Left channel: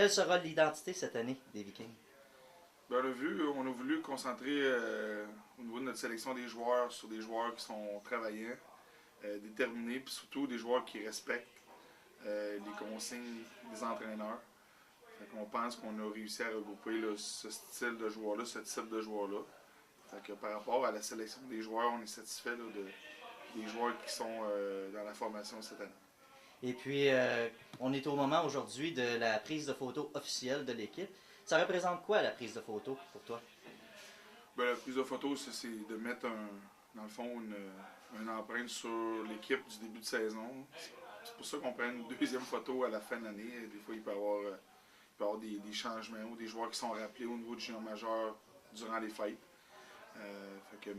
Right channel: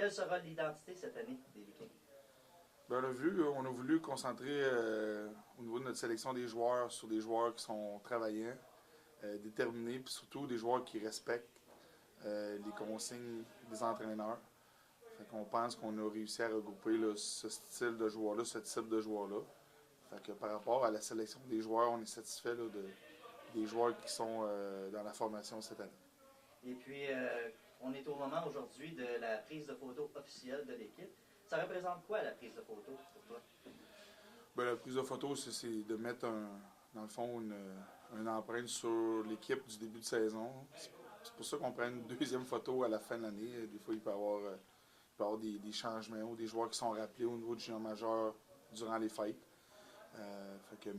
Quelle sera l'identité cette année des Vikings? Ben, on a voulu concentrer au niveau de notre sélection des joueurs sur des joueurs qui sont travaillants, déterminés, puis surtout des joueurs qui respectent les consignes des entraîneurs. Fait qu'on pense qu'on a réussi à regrouper là, ce style de joueur-là, ce type de joueur-là. Fait que par rapport à la sélection des joueurs, on est satisfait là, des joueurs qui sont dans la formation cette année. Et puis, on est au moment aujourd'hui de la prise de photo officielle de l'équipe. Ça représente quoi la prise de photo pour toi? Ben, la prise de photo, c'est de mettre dans le fond une empreinte sur l'équipe du début de saison. C'est pour ça qu'on prend une deuxième photo à la fin de l'année. Des fois, il peut y avoir des changements ou des joueurs qui sont rappelés au niveau du junior majeur durant les fêtes.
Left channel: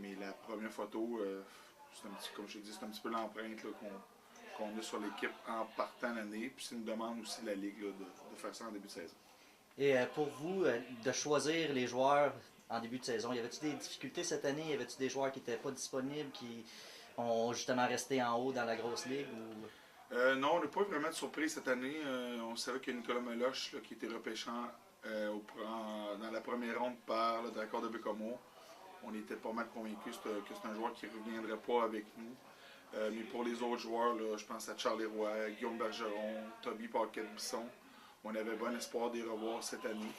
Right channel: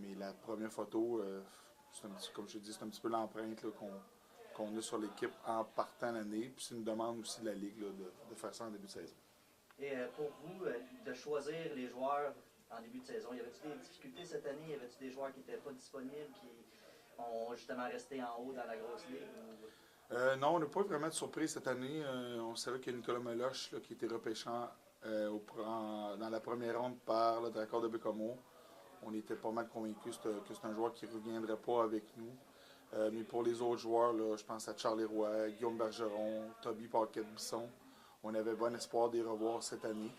Mais la première photo, comme je dis, c'est un petit peu l'empreinte qu'on a sur l'équipe en partant l'année. Puis c'est une demande aussi de la Ligue là, de faire ça en début de saison. Et pour vous, de choisir les joueurs en début de saison, y avait-il des difficultés cette année? Y avait-il des joueurs qui n'étaient pas disponibles, qui ont justement resté en haut dans la grosse ligue? Non, on n'a pas vraiment de surprise cette année. On savait que Nicolas Meloche, là, qui était repêchant dans la première ronde par le Dracor de Bécomo, on était pas mal convaincus que c'est un joueur qui ne reviendrait pas avec nous. Mais pour les autres joueurs, là, je pense à Charles Roy, Guillaume Bergeron, Toby Paquette-Bisson, on avait bon espoir de les revoir cette année.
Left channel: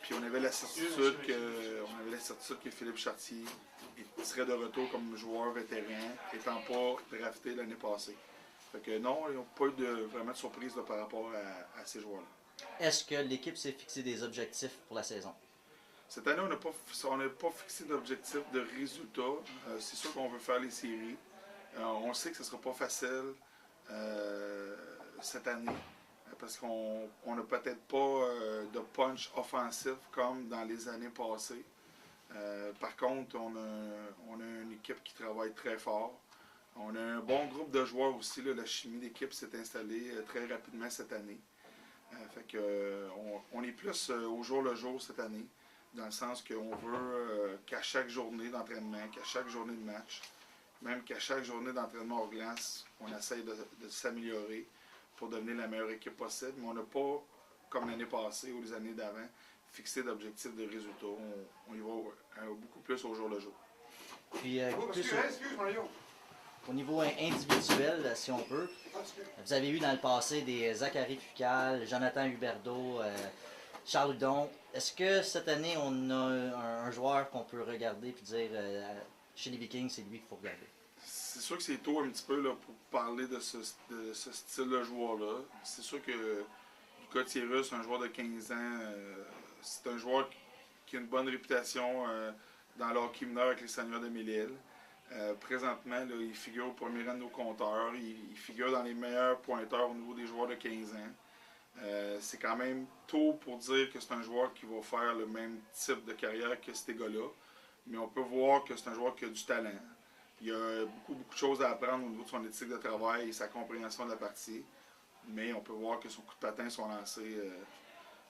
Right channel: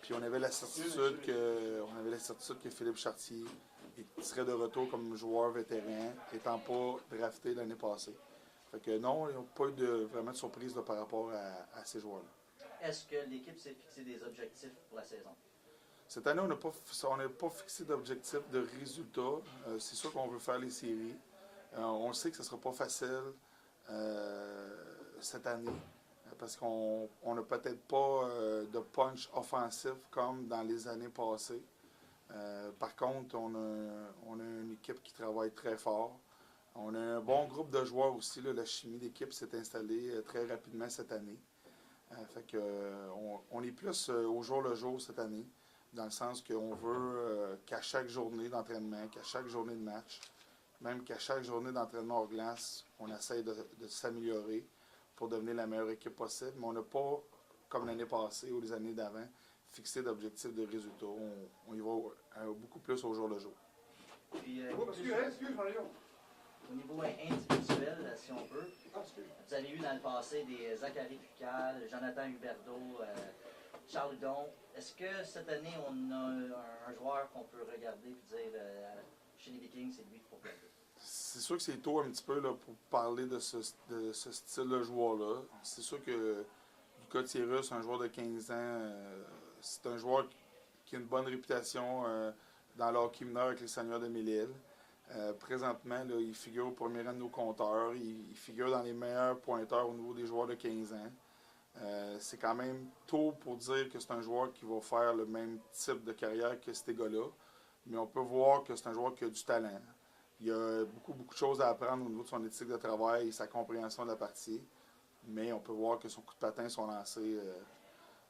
Puis on avait la certitude que Philippe Chartier serait de retour comme joueur vétéran, étant pas drafté l'année passée. Fait que non, il n'y a pas eu vraiment de surprise là, par rapport à ces joueurs-là. Est-ce que l'équipe s'est fixé des objectifs pour la saison? Cette année, on n'a pas fixé d'objectif de résultat. C'est sûr qu'on veut faire les séries. On sait que ce ne sera pas facile cette année parce qu'on n'a peut-être pas de punch offensif comme dans les années passées. Par contre, on a une équipe qui travaille très fort. On a un bon groupe de joueurs aussi. Là, la chimie d'équipe s'est installée très rapidement cette année. On est plus au jour le jour cette année, dans le sens qu'on veut qu'à chaque journée d'entraînement, qu'à chaque journée de match, même qu'à chaque journée d'entraînement hors glace, on essaye de s'améliorer pour devenir la meilleure équipe possible. Mais on n'a pas, comme l'année passée ou les années d'avant, fixé d'objectifs de résultats. On y va beaucoup plus au jour le jour. Puis, au niveau individuel, si on peut, vous avez eu dans le passé des Zachary Fucal, Jonathan Huberdeau, Charles Hudon. Est-ce que cette année, on a un joueur qu'on peut regarder et dire chez les Vikings, c'est lui qu'il faut regarder? C'est sûr que c'est tôt un petit peu là, pour parler de ce style de joueur-là. C'est sûr que Lucas Thierry, c'est un joueur de 15 ans. C'est un joueur qui a une bonne réputation dans le hockey mineur avec les Seigneurs de Mille-Îles. Présentement, là, il figure au premier rang de nos compteurs. Il figure dans les meilleurs pointeurs au niveau des joueurs de 15 ans. C'est quand même tôt pour dire que c'est un joueur qui va faire le même type de carrière que ces gars-là. Mais on peut voir que c'est un joueur qui a du talent. Il y a beaucoup de choses à apprendre au niveau de son éthique de travail et sa compréhension de la partie. Mais on peut voir que son coup de patin, son lancé,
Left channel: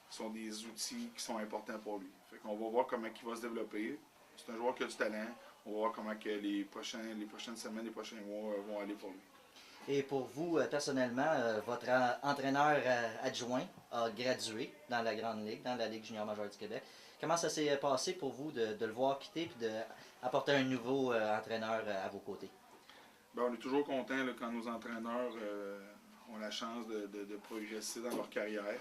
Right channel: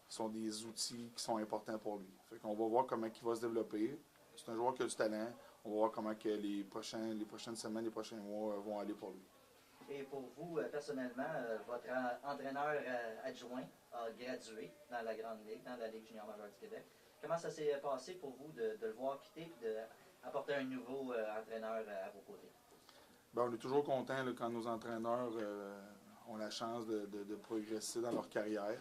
sont des outils qui sont importants pour lui. Fait qu'on va voir comment il va se développer. C'est un joueur qui a du talent. On va voir comment que les prochaines semaines, les prochains mois vont aller pour lui. Et pour vous, personnellement, votre entraîneur adjoint a gradué dans la Grande Ligue, dans la Ligue junior majeure du Québec. Comment ça s'est passé pour vous de le voir quitter et d'apporter un nouveau entraîneur à vos côtés? Ben, on est toujours content là, quand nos entraîneurs ont la chance de progresser dans leur carrière.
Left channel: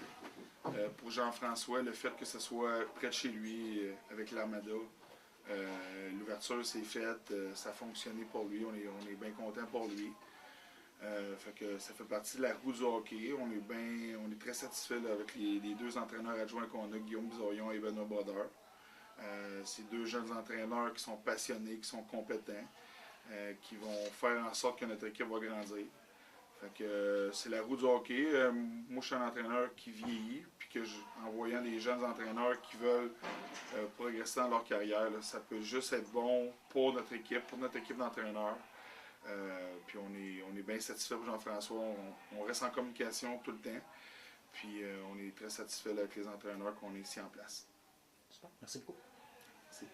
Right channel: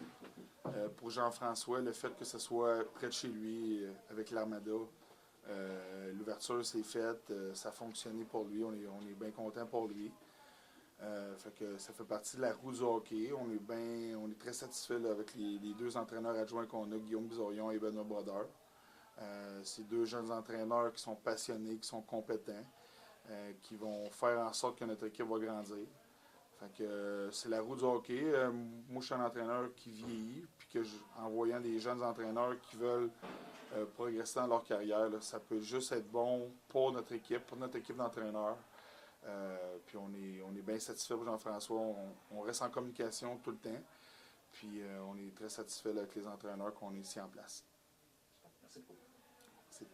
Pour Jean-François, le fait que ce soit près de chez lui, avec l'Armada, l'ouverture s'est faite, ça a fonctionné pour lui, on est bien content pour lui. Ça fait partie de la roue du hockey. On est très satisfait avec les deux entraîneurs adjoints qu'on a, Guillaume Bizoyon et Benoît Brodeur. C'est deux jeunes entraîneurs qui sont passionnés, qui sont compétents, qui vont faire en sorte que notre équipe va grandir. C'est la roue du hockey. Moi, je suis un entraîneur qui vieillit, puis en voyant des jeunes entraîneurs qui veulent progresser dans leur carrière, là, ça peut juste être bon pour notre équipe d'entraîneurs. Puis on est bien satisfait pour Jean-François. On reste en communication tout le temps. Puis on est très satisfait avec les entraîneurs qu'on est ici en place. Super. Merci beaucoup. Merci.